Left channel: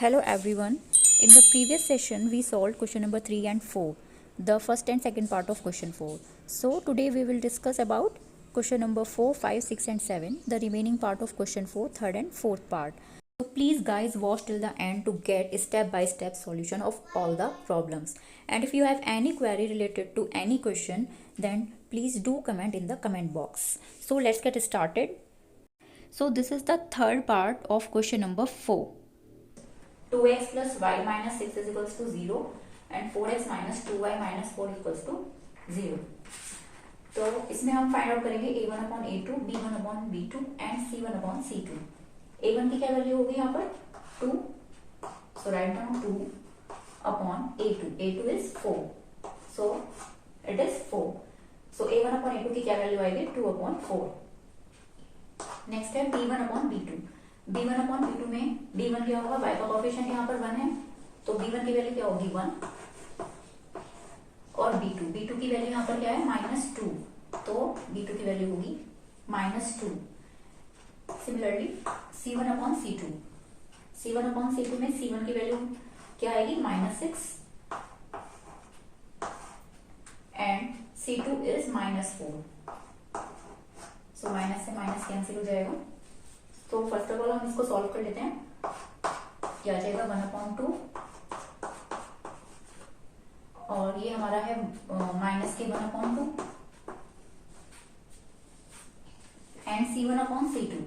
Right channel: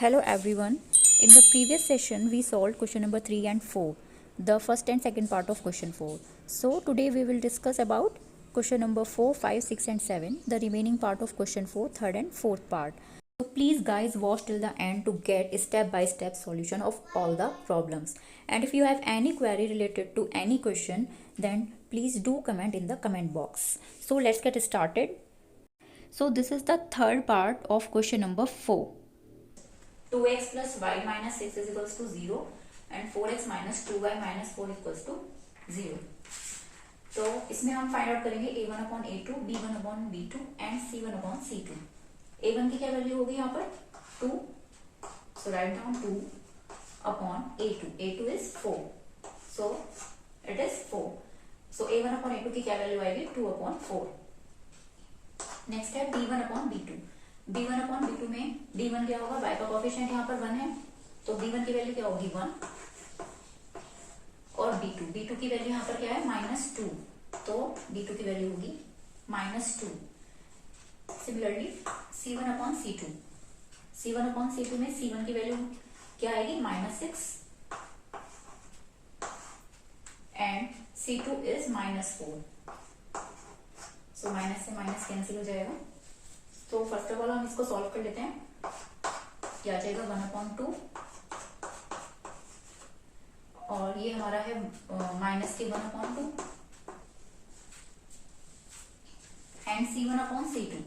Hello everyone. In the previous session we solved question number 3 and 4, the first and second part of question 4. So today we will discuss about question number 4, 5, 6 and 7, the remaining part of question 4, third and fourth part. So please guys watch till the end to get step by step solution of all the problems. And if you have any query related to any question, then please do comment in the comment box. So let's get started. So this is the third part of question number 4. 2x plus y minus 6 is equals to 0 and 4x minus 2y minus 4 equals to 0. तो इसमें हम find out करेंगे a1 upon a2, b1 upon b2 and c1 upon c2. a1 की क्या value होगी यहाँ पर 2, so write down 2 upon a2. a2 is 4, so it is 4. So a1 upon a2 की क्या वैल्यू आएगी 2 अपॉन 4. नेक्स्ट है b1 upon b2. b1 upon b2 में b1 क्या होगा, y का कोएफिशिएंट यहाँ पर 1 है, तो b1 की वैल्यू क्या होगी 1, और b2 की वैल्यू यहाँ पर क्या है -2, तो b2 की वैल्यू होगी -2. Similarly c1 upon c2. c1 upon c2 में c1 की वैल्यू क्या आएगी -6 and c2 is -4. So minus से माइनस कैंसिल हो जाएगा. तो फर्स्ट ऑफ ऑल हम इसको सॉल्व कर लेते हैं. क्या आ जाएगा 1/2 और ये हमारा है माइनस के 1/2 एंड c1 अपॉन c2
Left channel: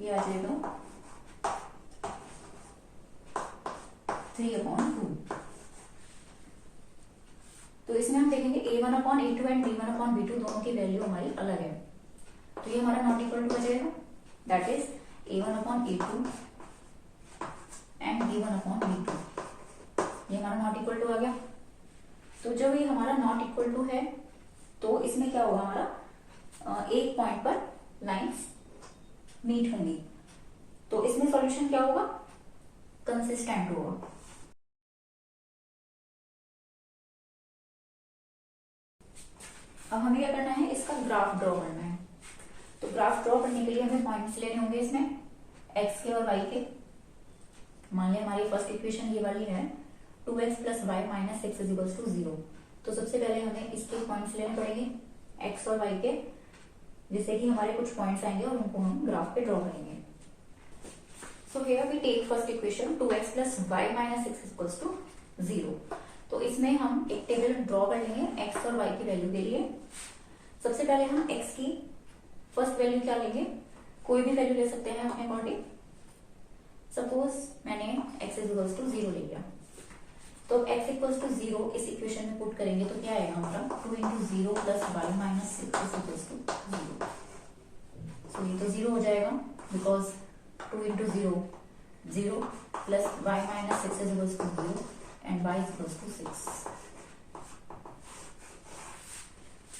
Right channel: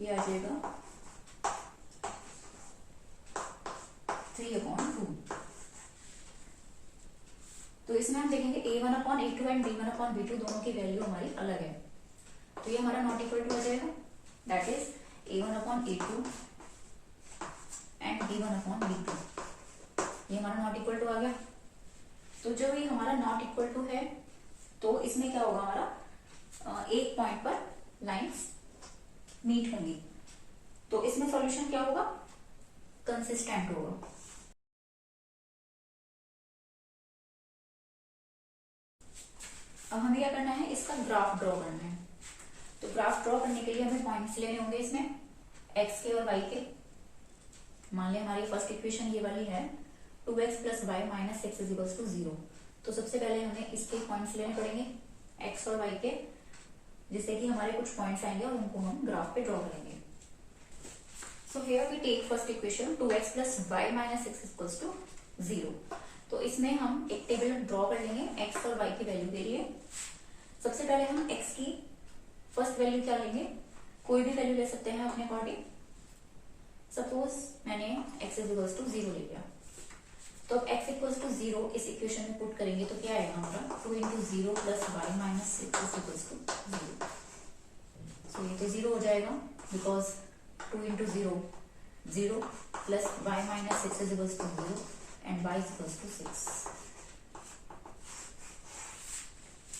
ये आ जाएगा 3/2. तो इसमें हम देखेंगे a1 upon a2 and b1 upon b2 दोनों की वैल्यू हमारी अलग है, तो ये हमारा नॉट इक्वल टू हो जाएगा. That is a1 upon a2 and b1 upon b2. ये हमारा नॉट इक्वल टू आ गया. तो जब ये हमारा नॉट इक्वल टू है तो इसमें क्या होगा, हमारा एक पॉइंट पर लाइंस मीट होंगी, तो इसमें सॉल्यूशन क्या होगा, कंसिस्टेंट होगा. अब हमें क्या करना है, इसका ग्राफ ड्रॉ करना है. तो ग्राफ ड्रॉ करने के लिए हमें पॉइंट्स लेने होंगे इसमें x के और y के. मान लिया हमारी फर्स्ट इक्वेशन ये वाली है 2x plus y minus 6 is equals to 0. तो सबसे पहले हमें इसके पॉइंट्स लेने पड़ेंगे x और y के, जिससे कि हमारे कुछ पॉइंट्स आएंगे और उनको हम ग्राफ पे ड्रॉ करेंगे. So here we take first equation 2x plus y minus 6 is equals to 0. तो इसमें हम एक टेबल ड्रॉ कर लेंगे x और y की वैल्यू के लिए. सबसे पहले हम x की फर्स्ट वैल्यू क्या लेंगे, कोई भी वैल्यू ले सकते हैं अपने अकॉर्डिंग. सपोज मैंने x इज इक्वल्स टू 0 ले लिया, तो अब x इक्वल्स टू 0 इस इक्वेशन में पुट करेंगे तो क्या आएगा हमारा 2 into 0 plus y minus 6 is equals to 0. So ये तो 0 हो जाएगा because 2 into 0 0 plus y minus 6 is equals to 0 and y is equals to 6.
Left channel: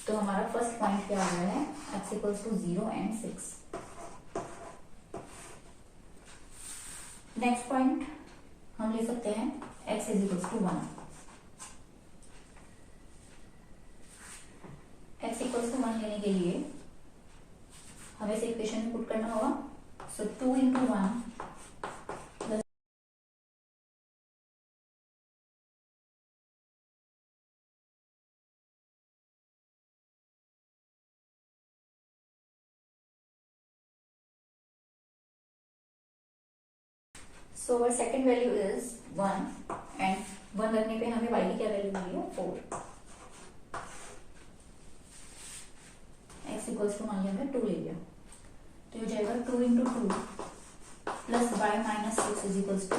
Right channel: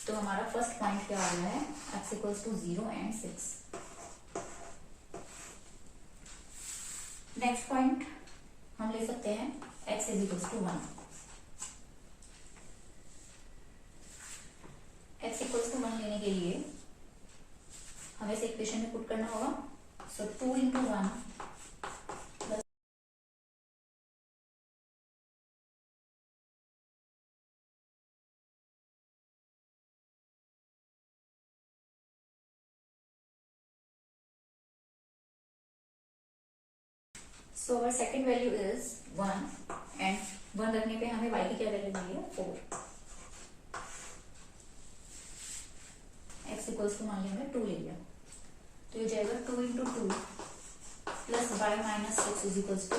तो हमारा फर्स्ट पॉइंट क्या आ गया है, x equals to 0 and 6. Next point हम ले सकते हैं x is equals to 1. x equals to 1 लेने के लिए हमें इसे इक्वेशन में पुट करना होगा. सो 2 into 1 so our second value is 1 and 1 रखने पे हमें y की क्या वैल्यू मिली है 4. x इक्वल्स टू मान लिया हमने 2 ले लिया, तो ये जाएगा 2 into 2 plus y minus 6 is equals to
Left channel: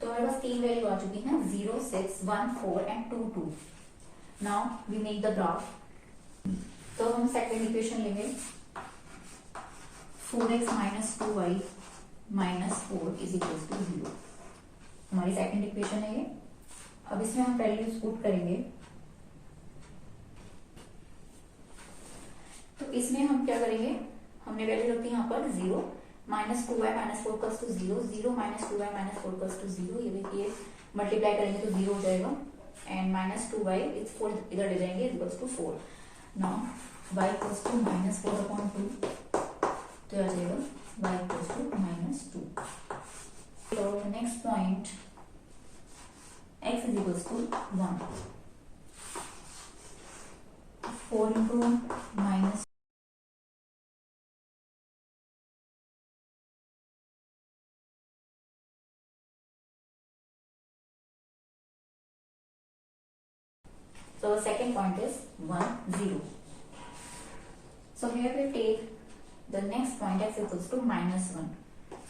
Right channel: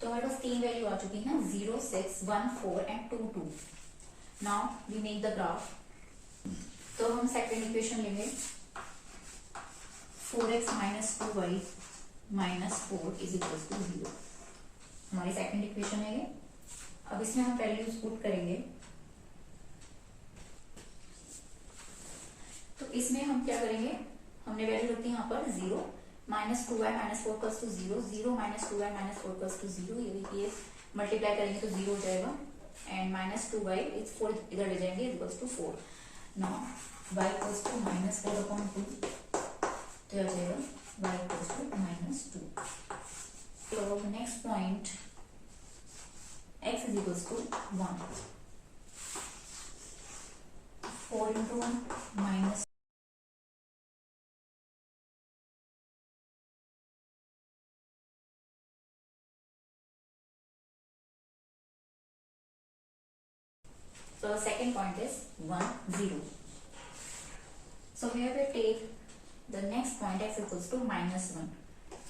तो हमारे पास तीन वैल्यू आ चुकी हैं 0, 6, 1, 4 and 2, 2. Now we make the graph. तो हम सेकेंड इक्वेशन लेंगे 4x minus 2y minus 4 is equals to 0. हमारी सेकेंड इक्वेशन है ये. अब इसमें हम वैल्यूज पुट करेंगे. तो इसमें हम क्या करेंगे, हमने वैल्यू रखी यहाँ पर 0, -2y -4 = 0, 0 -2y -4 = 0. ये देखिए मल्टीप्लाई करेंगे तो 0 हो जाएगा एंड -2y इज 4 इधर ले जाएंगे equals to 4. Now y equals to -4/2 तो आ जाएगा y इक्वल्स टू -2. तो next point x is equals to 1. 4 into minus so second point is 1 0. So here we take the next point x equals to -1.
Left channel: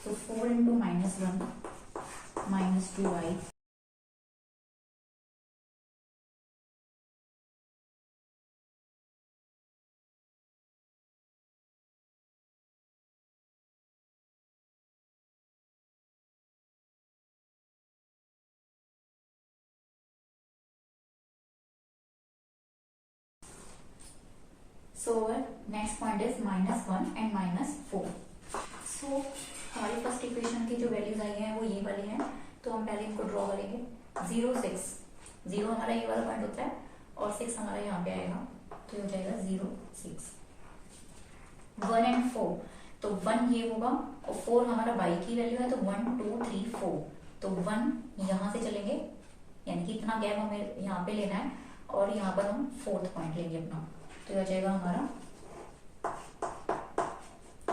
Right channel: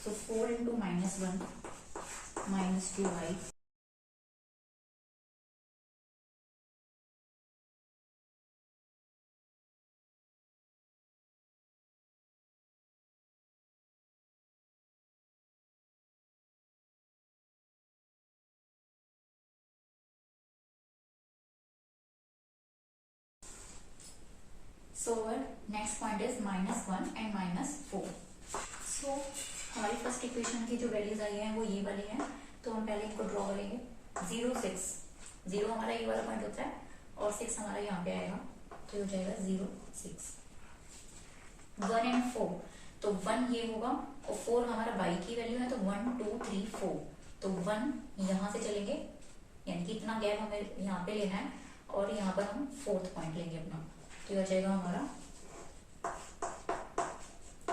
So 4 into -1 minus 2y. So our next point is -1 and -4. So हमारी first equation की जो values आई हैं वो ये वाली हैं. तो हम पहले इनको ड्रॉ करेंगे. 0 6 0 हमारा ये वाला पॉइंट होता है और 6 हमारा यहाँ पे आएगा तो ये हो जाएगा 0 6. 1 and 4 तो 1 ये होगा और 4 हमारा y की वैल्यू है तो 1 2 3 4 तो 1 यहाँ से चलेंगे यानी कि इतना गैप हमें यहाँ पे लेना है और यहाँ पर हम 4th पॉइंट लेंगे अपना तो ये हो जाएगा हमारा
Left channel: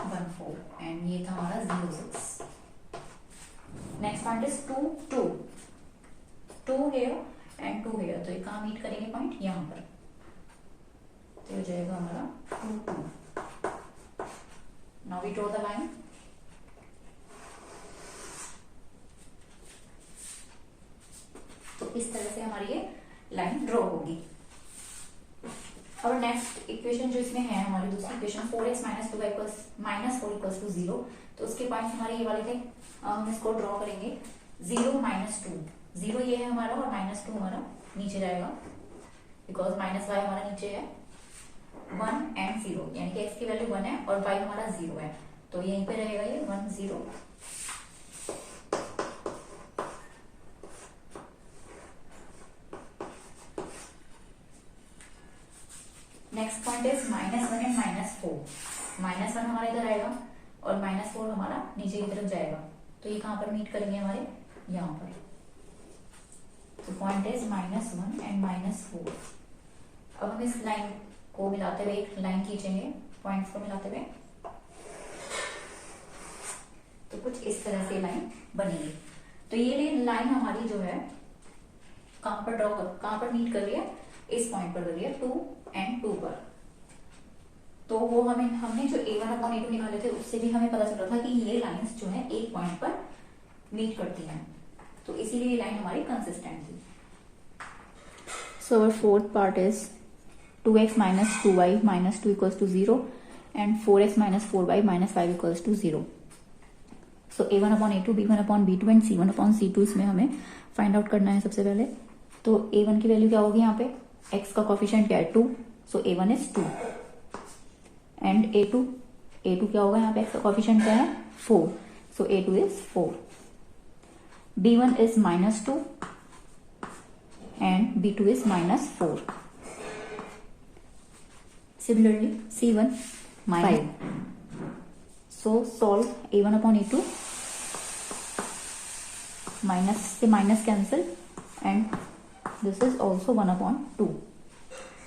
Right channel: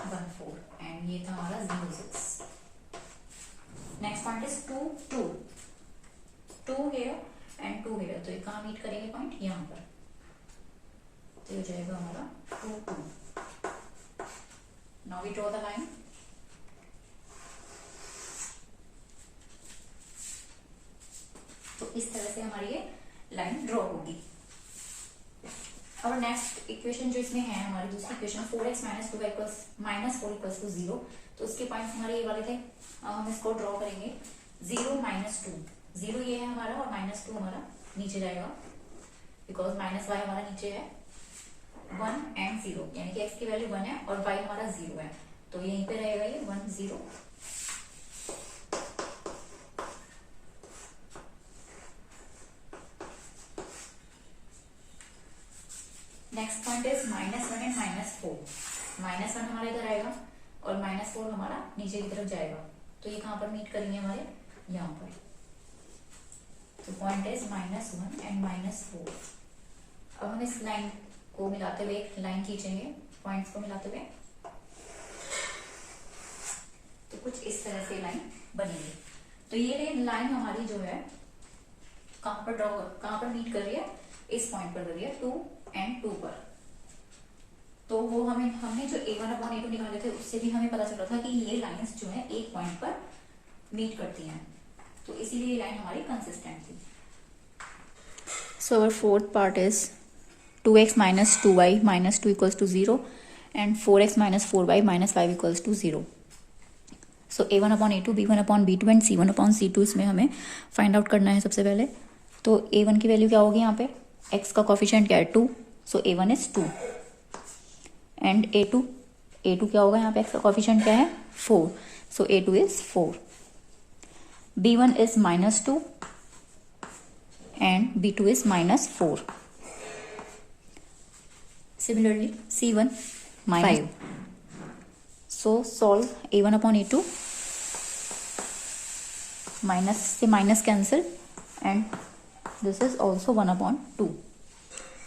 1 4 एंड ये था हमारा 0 6. Next point is 2 2 2 here and 2 here तो ये कहाँ मीट करेंगे पॉइंट यहाँ पर तो ये हो जाएगा हमारा 2 2. Now we draw the line. तो इस तरह से हमारी ये लाइन ड्रॉ होगी. और नेक्स्ट इक्वेशन जो इसमें है हमारी दूसरी इक्वेशन 4x - 2y -4 = 0 तो उसके पॉइंट्स हमारे ये वाले थे. हम इसको ड्रॉ करेंगे 0 -2 0 ये है हमारा और -2 हमारा नीचे जाएगा बिकॉज -y हमारा नीचे है 1 and 0 यानी कि x की वैल्यू 1 है और y हमारा 0 है तो यहीं पे रहेगा ये 1 0. Next point is -1 and -4. -1 हमारा इधर आएगा और -4 हमारा नीचे की तरफ जाएगा तो ये कहां पर मीट करेंगे हमारे यहाँ पर. तो पॉइंट इज -1 and -4. अब हम इस लाइन को मिलाते हुए एक लाइन खींचेंगे पॉइंट्स को मिलाते हुए तो कुछ इस तरह से लाइन बनेगी. तो ये लाइन हमारी जो है कहां पर मीट कर रही है इस पॉइंट पर कर रही है 2 and 2 पर. तो वो हमने जो a1/a2 निकाले थे उससे भी हमें पता चला था कि ये लाइंस जो है एक पॉइंट पर मीट करती हैं तो इसीलिए ये लाइन हमारी कंसिस्टेंट थी. So our fourth part is 2x - 2y -2 = 0 and 4x - 4y -5 = 0. So a1/a2 b1/b2 and c1/c2 इसमें हमें फाइंड आउट करना है सबसे पहले. तो a1 की वैल्यू क्या होगी यहाँ पे x का कोफिशिएंट क्या है 2 सो a1 इज 2 एंड a2 क्या होगा यहाँ पे x का कोफिशिएंट क्या है 4 सो a2 is 4. b1 is -2 and b2 is -4. Similarly, C1 5. So solve a1/a2 minus से minus cancel and this is also 1/2.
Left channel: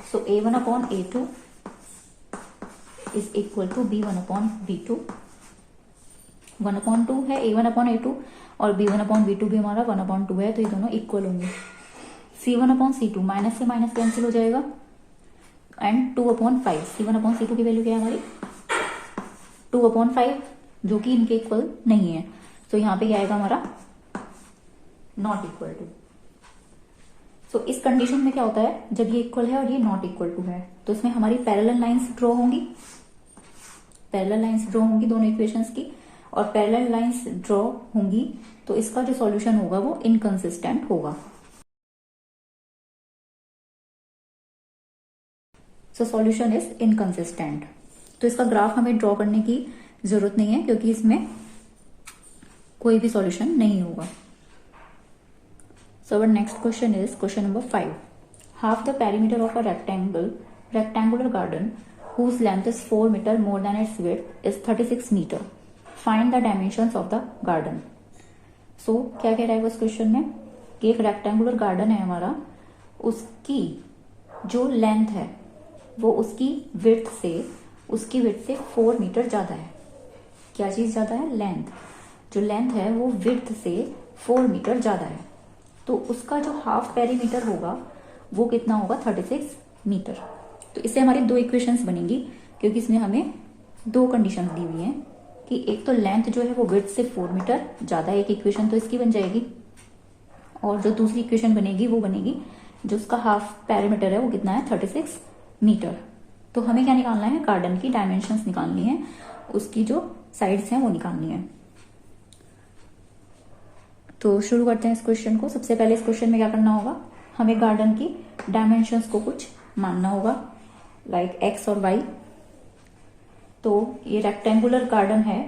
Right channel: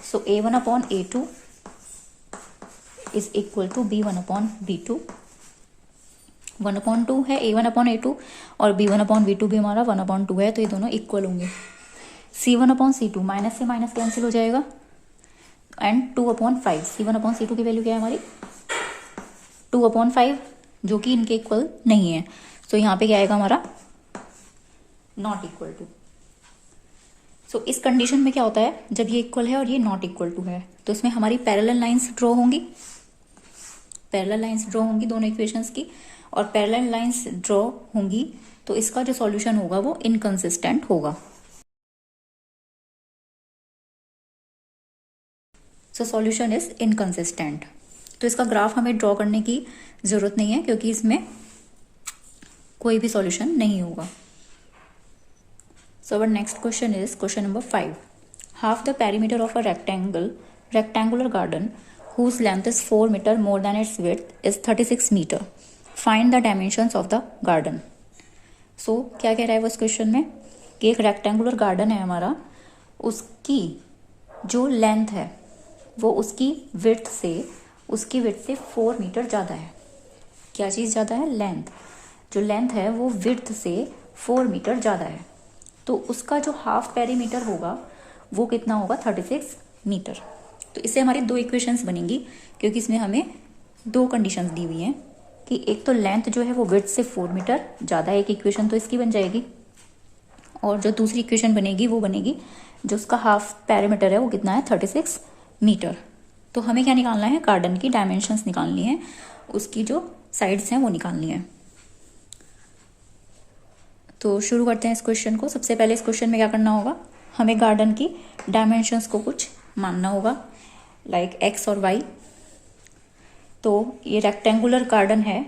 So a1/a2 is equal to b1/b2. 1/2 है a1/a2 और b1/b2 भी हमारा 1/2 है तो ये दोनों इक्वल होंगे. C1/c2 माइनस से माइनस कैंसिल हो जाएगा एंड 2/5 C1/C2 की वैल्यू क्या है हमारी 2/5 जो कि इनके इक्वल नहीं है तो यहाँ पे क्या आएगा हमारा नॉट इक्वल टू. सो इस कंडीशन में क्या होता है जब ये इक्वल है और ये नॉट इक्वल टू है तो इसमें हमारी पैरेलल लाइंस ड्रॉ होंगी दोनों इक्वेशंस की और पैरेलल लाइंस ड्रॉ होंगी तो इसका जो सॉल्यूशन होगा वो इनकंसिस्टेंट होगा. So solution is inconsistent. तो इसका ग्राफ हमें ड्रॉ करने की जरूरत नहीं है क्योंकि इसमें कोई भी सॉल्यूशन नहीं होगा. So our next question is question number 5. Half the perimeter of a rectangular garden whose length is 4 meter more than its width is 36 meter. Find the dimensions of the garden. So क्या कह रहा है वो इस question में कि एक rectangular garden है हमारा, उसकी जो लेंथ है वो उसकी विड्थ से 4 मीटर ज़्यादा है। क्या चीज़ ज़्यादा है? लेंथ। जो लेंथ है वो विड्थ से 4 मीटर ज़्यादा है, तो उसका जो हाफ पेरीमीटर होगा वो कितना होगा? 36 मीटर। तो इससे हमारी दो इक्वेशंस बनेंगी, क्योंकि इसमें हमें दो कंडीशंस दी हुई हैं कि एक तो लेंथ जो है वो विड्थ से 4 मीटर ज़्यादा है, एक इक्वेशन तो इसकी बन जाएगी, और जो दूसरी इक्वेशन बनेगी वो बनेगी जो उसका हाफ पेरीमीटर है वो कितना है? 36 मीटर। तो हमें क्या निकालना है? गार्डन की डायमेंशंस निकालनी है, उसकी जो साइड्स हैं वो निकालनी है। तो शुरू करते हैं इस क्वेश्चन को। सबसे पहले इस क्वेश्चन में क्या करना होगा? हमें गार्डन की डायमेंशंस को कुछ मानना होगा, लाइक एक्स और वाई। तो ये रेक्टेंगुलर गार्डन है,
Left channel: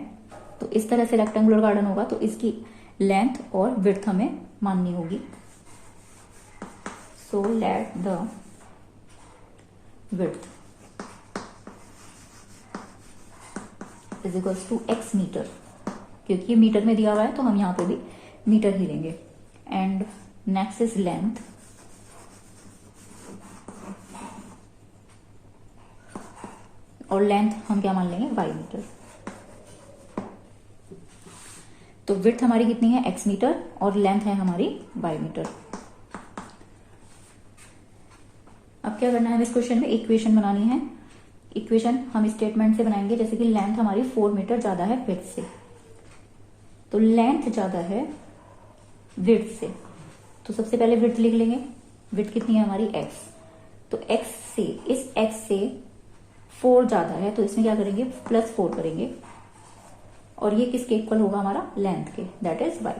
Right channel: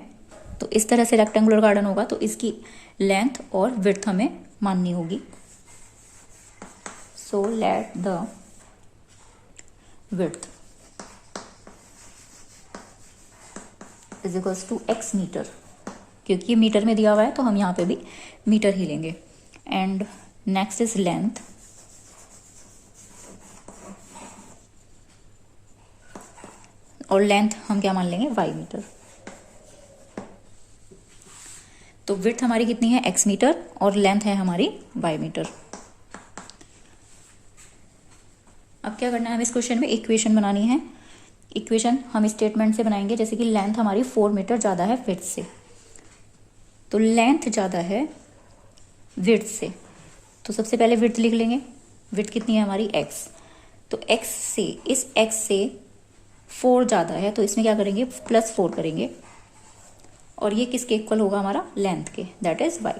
तो इस तरह से रेक्टेंगुलर गार्डन होगा, तो इसकी लेंथ और विड्थ हमें माननी होगी। So let the width is equals to x metre, क्योंकि ये मीटर में दिया हुआ है तो हम यहाँ पे भी मीटर ही लेंगे। एंड नेक्स्ट इज लेंथ, और लेंथ हम क्या मान लेंगे? Y metre. तो विड्थ हमारी कितनी है? एक्स मीटर, और लेंथ है हमारी वाई मीटर। अब क्या करना है? हमें इस क्वेश्चन में इक्वेशन बनानी है। इक्वेशन हम स्टेटमेंट से बनाएंगे, जैसे कि लेंथ हमारी 4 मीटर ज़्यादा है विड्थ से, तो लेंथ ज़्यादा है विड्थ से, तो सबसे पहले विड्थ लिख लेंगे। विड्थ कितनी है हमारी? एक्स। तो एक्स से, इस एक्स से 4 ज़्यादा है, तो इसमें क्या करेंगे? +4 करेंगे, और ये किसके इक्वल होगा? हमारा लेंथ के, दैट इज वाई।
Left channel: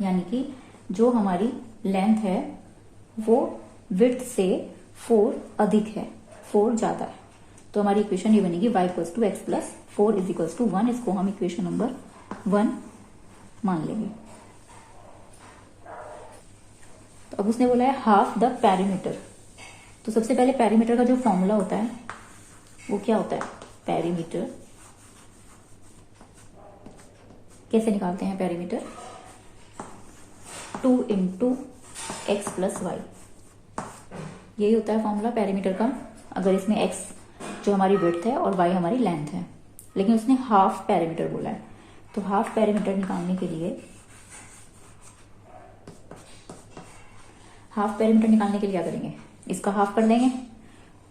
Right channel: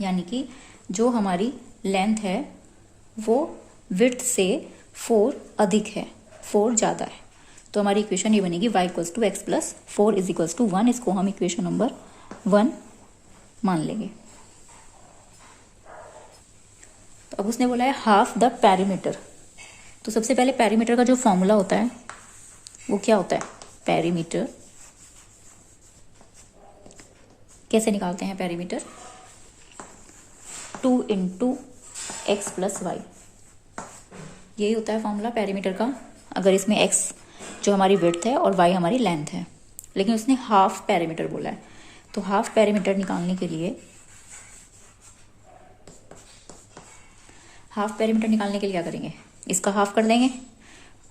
यानी कि जो हमारी लेंथ है वो विड्थ से 4 अधिक है, 4 ज़्यादा है, तो हमारी इक्वेशन ये बनेगी y equals to x plus 4 is equals to 1। इसको हम इक्वेशन नंबर 1 मान लेंगे। तो अब उसने बोला है हाफ द पेरीमीटर, तो सबसे पहले पेरीमीटर का जो फॉर्मूला होता है वो क्या होता है? पेरीमीटर कैसे निकालते हैं? Perimeter 2 into x plus y, यही होता है फॉर्मूला पेरीमीटर का। अगर इसमें x जो हमारी विड्थ है और y हमारी लेंथ है, लेकिन उसने हाफ पेरीमीटर बोला है, तो हाफ पेरीमीटर निकालने के लिए क्या करेंगे? इसका हाफ कर देंगे,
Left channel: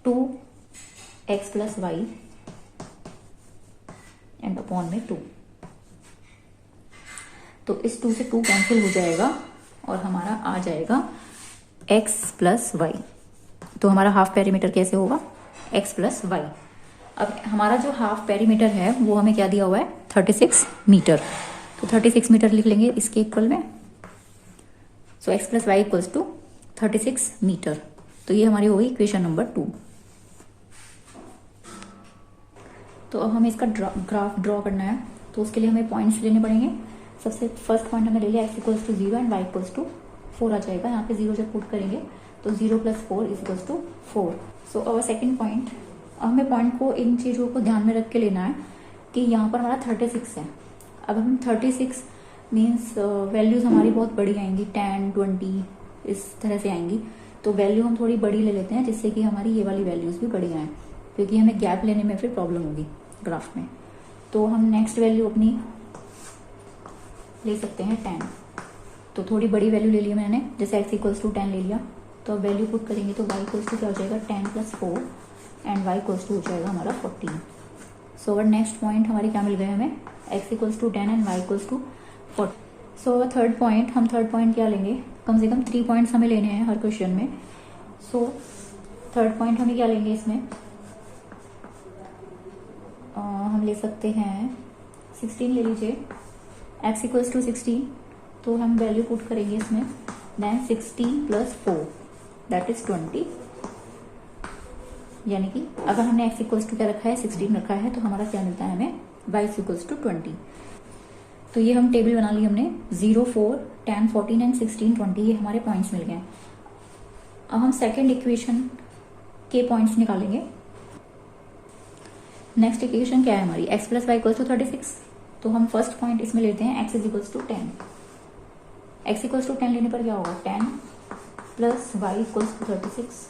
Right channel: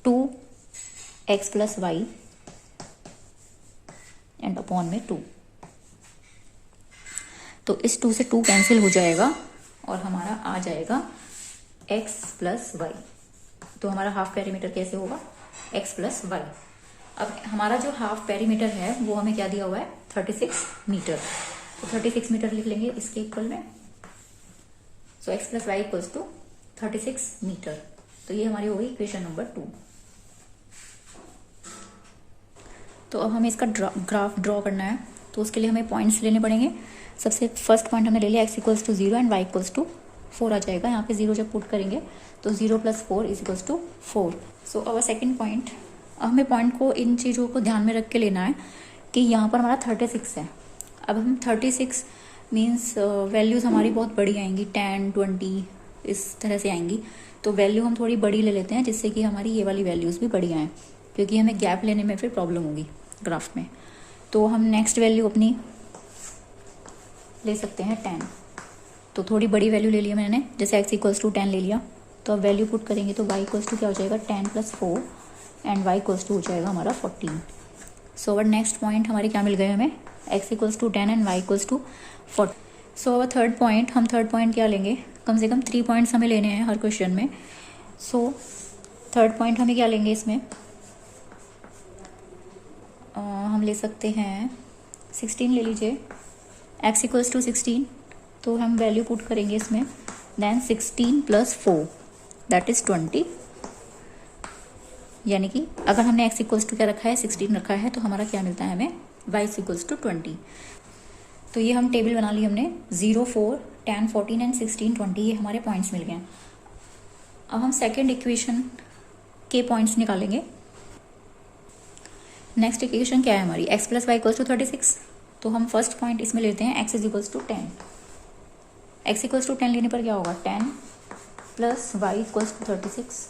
2x plus Y and upon में 2। तो इस 2 से 2 कैंसिल हो जाएगा और हमारा आ जाएगा x प्लस वाई। तो हमारा हाफ पेरीमीटर कैसे होगा? x plus y. अब हमारा जो हाफ पेरीमीटर है वो हमें क्या दिया हुआ है? 36 मीटर। तो 36 मीटर लिख लेंगे इसके इक्वल में। So x plus y equals to 36 metre. तो ये हमारी होगी इक्वेशन नंबर 2। तो अब हमें इसका ग्राफ ड्रॉ करना है, तो उसके लिए हमें पॉइंट्स लेने पड़ेंगे। सबसे फर्स्ट पॉइंट हमने ले लिया x equals to 0 and y equals to 4 आ जाएगा। यहाँ पे 0 जब पुट करेंगे तो 0 plus 4 is equals to 4। So our second point, अब हमें पॉइंट को इन चीज़ों को ध्यान में रख के लेना है कि यहाँ पर हमारा 36 है। अब हम 36 मीन्स वैल्यूज़ हमारी बहुत बड़ी आएंगी, 10, 20 इस तरह से आएंगी। तो वैल्यू हम थोड़ी बड़ी ले लेते हैं, जिससे कि हमारी ये वाली वैल्यूज़ भी बड़ी आएँ, क्योंकि हमें गैप लेने में फिर प्रॉब्लम होगी ग्राफ में। तो हम नेक्स्ट वैल्यू अपनी ले सकते हैं 10। तो थोड़ी बड़ी वैल्यू ले लिया मैंने, जैसे x इक्वल्स टू 10 ले लिया। तो अब वैल्यू पुट करेंगे तो y इक्वल्स टू क्या हो जाएगा? 10 plus 4 and y equals to हो जाएगा हमारा 14। सो अवर नेक्स्ट पॉइंट हमारे क्या मिल गए हमें? x equals to 10 and y equals to 40। So our third point, हम थर्ड पॉइंट क्या लेंगे? कम से कम 3 पॉइंट्स हमें लेने हैं हर क्वेश्चन में। सो थर्ड पॉइंट हमें क्या लेंगे इसमें? हम ले सकते हैं 16 ले लीजिए, x इक्वल्स टू 16। तो हम वैल्यू पुट करेंगे इसमें, देन 16 प्लस 4 दैट इज 20। यानी कि अगर हमने x इक्वल्स टू क्या रखा है? 16 रखा है, तो हमारा क्या मिलता है हमें? y equals to 20। तो ये हम टेबल बना ली हमने, 0, 4, 10, 14 एंड 16, 20 ये हमारे पॉइंट्स मिल गए। अब हम सेकेंड इक्वेशन के पॉइंट्स निकालेंगे। नेक्स्ट इक्वेशन क्या है हमारी, x plus y equals to 36। तो हम फर्स्ट पॉइंट इसमें लेते हैं x is equals to 10। x equals to 10 लेने पर क्या होगा, 10 प्लस वाई इक्वल्स टू 36।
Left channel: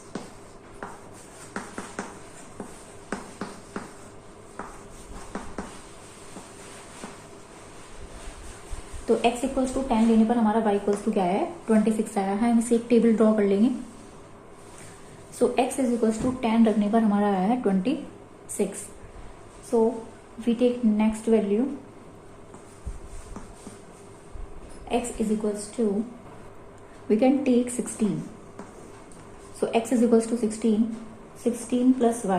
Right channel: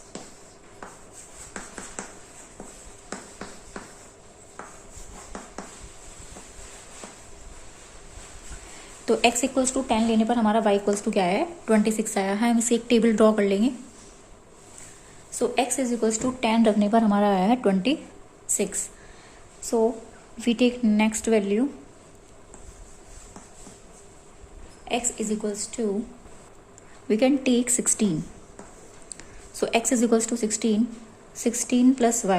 तो x इक्वल्स टू 10 लेने पर हमारा y इक्वल्स टू क्या है, 26 आया है। हम इसे एक टेबल ड्रॉ कर लेंगे। So x is equals to 10 रखने पर हमारा आया है 26। So we take next value, x is equals to, we can take 16. So x is equals to 16. 16 plus y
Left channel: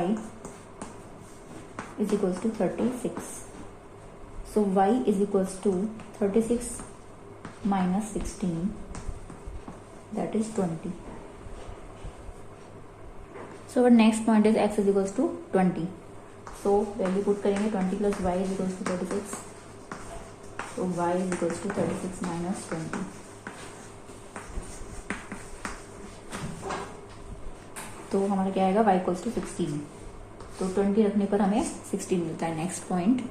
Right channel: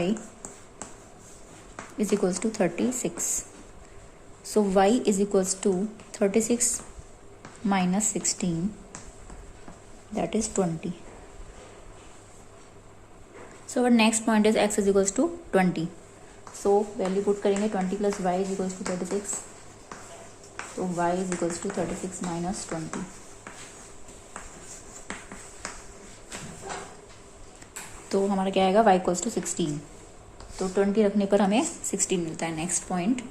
is equals to 36. So y is equals to 36 minus 16, that is 20. So our next point is x is equals to 20. So value put करेंगे 20 plus y is equals to 36. तो y is equals to 36 minus 20. तो हमारा क्या आएगा, y equals to 16। तो 20 रखने पर हमें 16 मिलता है। नेक्स्ट पॉइंट,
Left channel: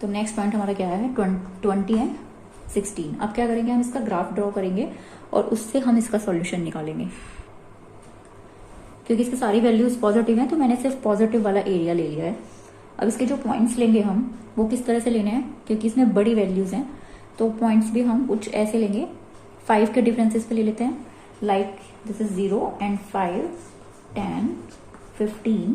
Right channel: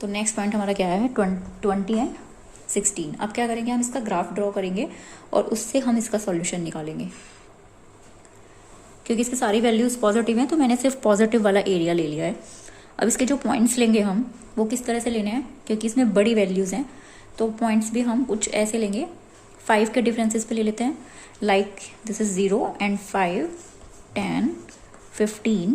तो नेक्स्ट पॉइंट हमारा क्या है, 20 एंड 16। अब क्या करेंगे, हम इसका ग्राफ ड्रॉ करेंगे और उससे हम इसका सॉल्यूशन निकालेंगे। क्योंकि इसकी सारी वैल्यूज पॉजिटिव हैं तो मैंने सिर्फ पॉजिटिव वाला एरिया ले लिया है। अब इसके जो पॉइंट्स लेंगे हम वो किस तरह से लेने हैं, क्योंकि इसमें बड़ी वैल्यूज हैं तो पॉइंट्स भी हम कुछ ऐसे लेंगे। 5 के डिफरेंसेस पे ले लेते हैं, लाइक दिस इज 0 एंड 5, 10, 15।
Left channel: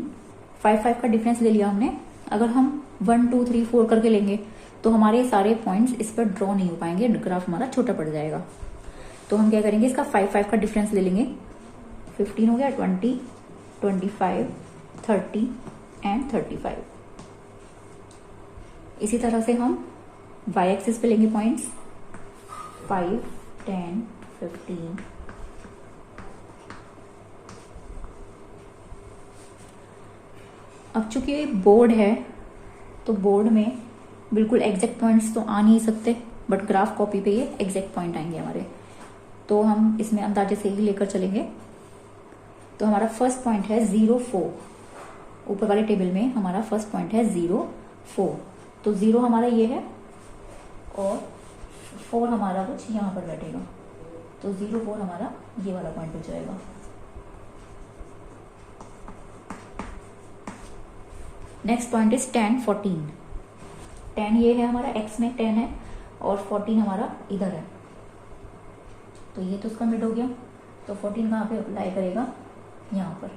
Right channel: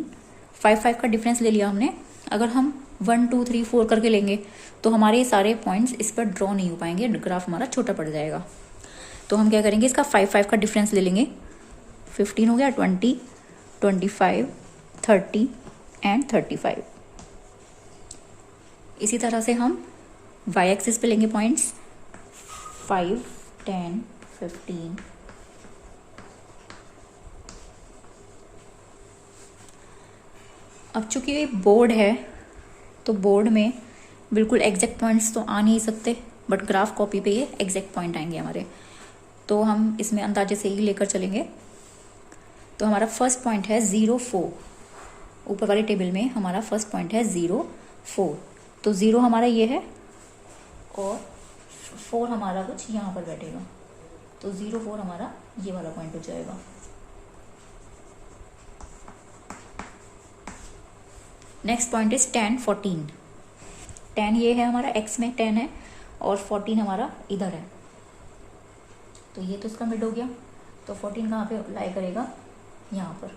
5 का डिफरेंस ले लिया हमने। अगर हम 1, 2, 3, 4 करके लेंगे तो हमारे सारे पॉइंट्स इस पर ड्रॉ नहीं हो पाएंगे, ग्राफ हमारा छोटा पड़ जाएगा। तो हम क्या करेंगे, इसका 5 का डिफरेंस ले लेंगे। 15 हो गया, 20, 25, 30 एंड 35। इसी तरह से हम y एक्सिस पे लेंगे पॉइंट्स 5, 10, 15। अब चूंकि बोर्ड है तो बोर्ड में बिल्कुल एग्जैक्ट पॉइंट्स तो आ नहीं सकते, बट ग्राफ कॉपी पे ये एग्जैक्ट पॉइंट आएंगे हमारे। तो हम इसमें अंदाजे से ही लेकर चलेंगे। तो हमारा फर्स्ट पॉइंट है 0, 4। ऊपर वाले टेबल में हमारा फर्स्ट पॉइंट है 0, 4। तो 0 हमारा ये है और 4 हमारा कुछ यहाँ पर बैठेगा। तो 0, 4 हमारा ये वाला पॉइंट हो जाएगा। Next point is 10, 14। 10 ये है हमारा, x में 10 है और 14 हमारा इधर है। तो ये तो उसका मिड हो गया। तो 14 कहाँ पे अप्लाई करेगा, यहाँ पर।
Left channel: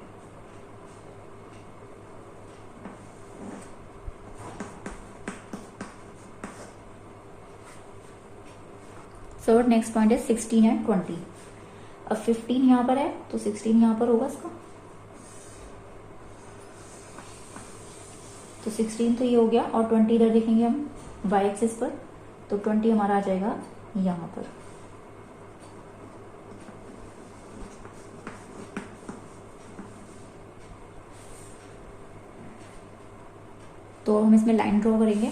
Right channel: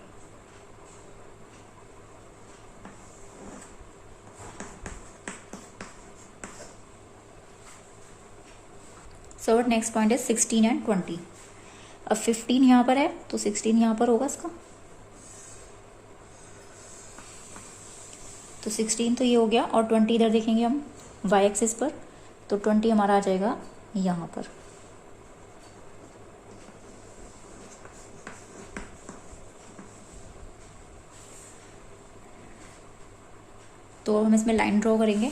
सो नेक्स्ट पॉइंट है 16 एंड 20। अब 15 यहाँ पर है तो 16 यहाँ पर होगा इसका। तो 16 तो ये हो गया और 20 इधर देखेंगे हम y एक्सिस पर, तो 20 हमारा आ जाएगा यहाँ पर। तो हम इसमें लाइन ड्रॉ करेंगे,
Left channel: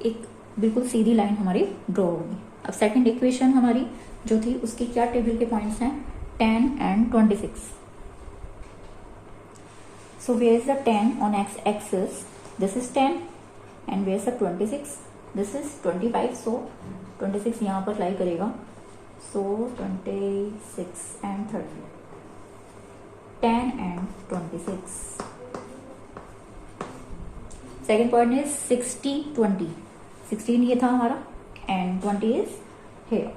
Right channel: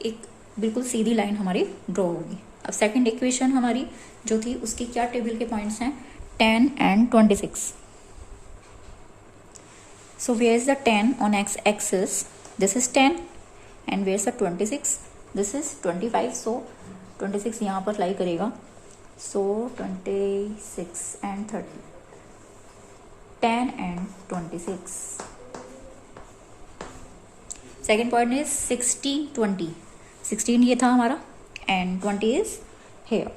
एक बिल्कुल सीधी लाइन हमारी ड्रॉ होगी। अब सेकंड इक्वेशन हमारी जो थी उसकी क्या टेबल के पॉइंट्स हैं, 10 and 26। So where is the 10 on x axis, this is 10 and where is the 26, this is 25। So 26 यहाँ पर लाई करेगा। So 26 and 30, 10 and 26। Second point is 60, 20। 16 ये था हमारा एंड 20 इज हेयर।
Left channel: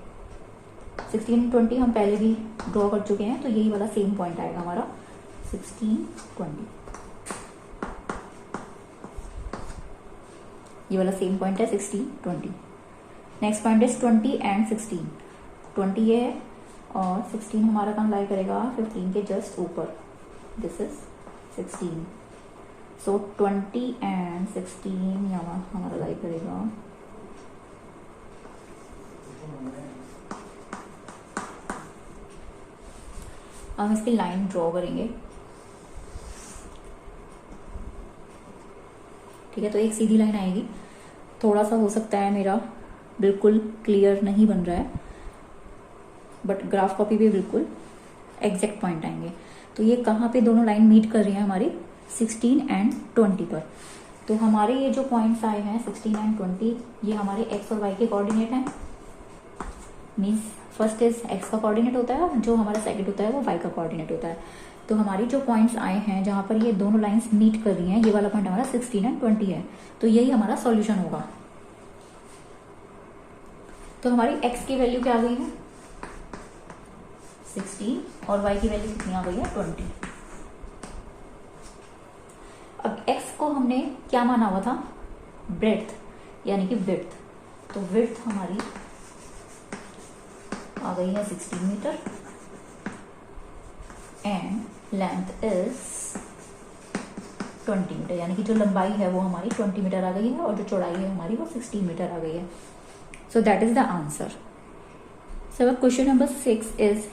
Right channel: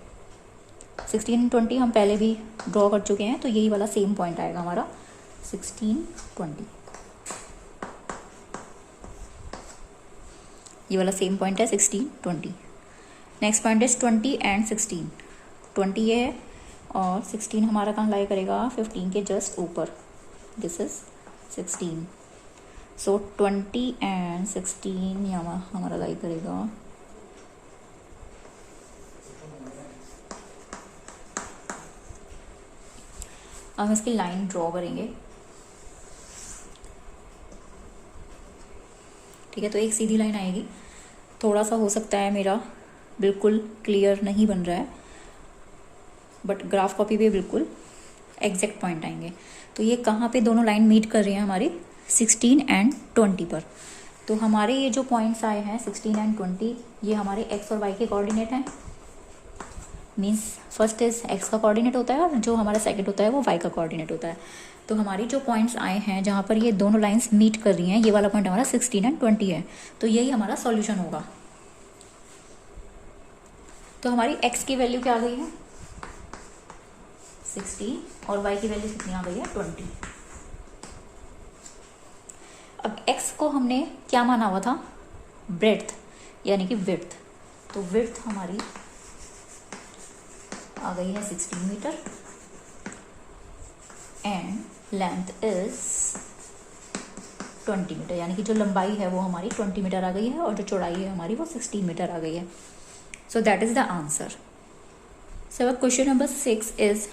16, 20 हम पहले भी ड्रॉ कर चुके हैं, तो यही वाला सेम पॉइंट आएगा हमारा 16, 20। ये वाला सेम पॉइंट है 16, 20। Next point is 20 and 16। 20 ये है और 16 हमारा कहाँ लाई करेगा, 15 के जस्ट ऊपर। This is 16। सो 20 एंड 16 यहाँ हमारा लाई करेगा। हम इसकी लाइन ड्रॉ करेंगे, ठीक है। तो एक सीधी लाइन आएगी थोड़ा सा हो सकता है मेरा बिल्कुल क्लियर नहीं बन रहा है, बट ग्राफ कॉपी पे बिल्कुल एग्जैक्ट पॉइंट आएंगे। तो ये कहाँ पे दोनों लाइन मीट कर रही हैं हमारी 16 एंड 20 पर। तो हमारे ये जो पॉइंट्स आए हैं 16 एंड 20, ये हमारे एक्स और वाई के कोऑर्डिनेट हैं। मीन्स फर्स्ट इज एक्स का कोऑर्डिनेट होता है और जो हमारा सेकंड होता है वो वाई का कोऑर्डिनेट होता है। तो हमारी जो पॉइंट्स आए हैं जहाँ पर ये दोनों लाइंस मीट कर रही हैं, ये वाला पॉइंट हमारा 16 एंड 20 है। तो यही हमारा सॉल्यूशन होगा। तो हमारी एक्स की वैल्यू क्या आ गई है 16 और y की वैल्यू कितनी आ गई है 20। अब x को हमने क्या माना हुआ था, ब्रेड्थ यानी कि विड्थ। तो विड्थ हमारी आ गई है 16 metre and length is 20 metre, यानी कि जो लंबाई है वो हमारी 20 मीटर आ गई है और जो चौड़ाई है हमारी वो 16 मीटर आ गई है। So that is the answer. So question number 6 is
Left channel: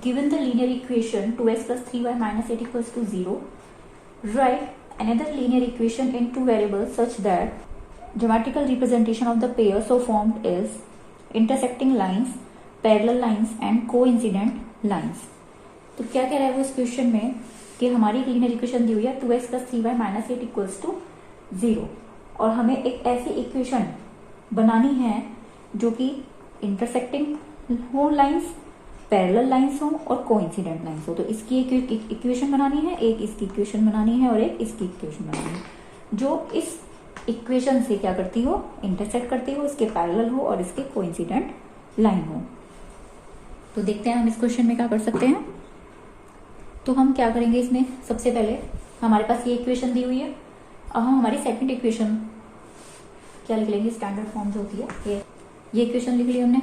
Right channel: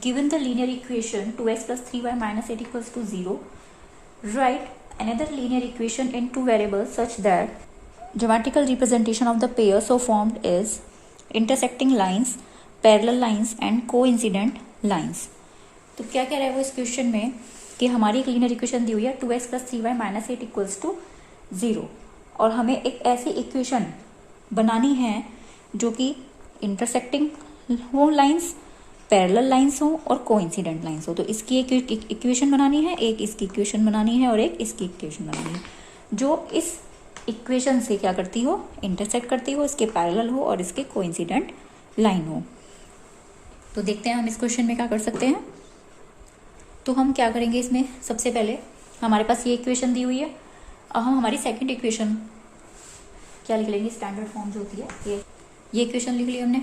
given the linear equation 2x plus 3y minus 8 equals to 0, write another linear equation in two variables such that geometrical representation of the pair so formed is intersecting lines, parallel lines and coincident lines। तो क्या कह रहा है वो इस question में कि हमारी एक लीनियर इक्वेशन दी हुई है 2x plus 3y minus 8 equals to 0 और हमें एक ऐसी इक्वेशन बनानी है जो कि इंटरसेक्टिंग हो लाइंस, पैरेलल लाइंस हो और कोइंसिडेंट लाइंस हो। तो इसकी एक इक्वेशन बनानी है, एक इसकी इक्वेशन बनानी है और एक इसकी इक्वेशन बनानी है जो इस इक्वेशन से क्या करती हो, इंटरसेक्ट करती हो, इसके पैरेलल हो और इसके कोइंसिडेंट लाइन हो। तो देखते हैं हम इस क्वेश्चन में क्या कर सकते हैं। तो हम क्या करेंगे इसमें, सबसे पहले हमारे पास ये इक्वेशन दी हुई है। अब हम हमारी सेकंड इक्वेशन क्या लिख लेंगे, स्टैंडर्ड फॉर्म जो होती है ये इक्वेशन लिख ली हमने।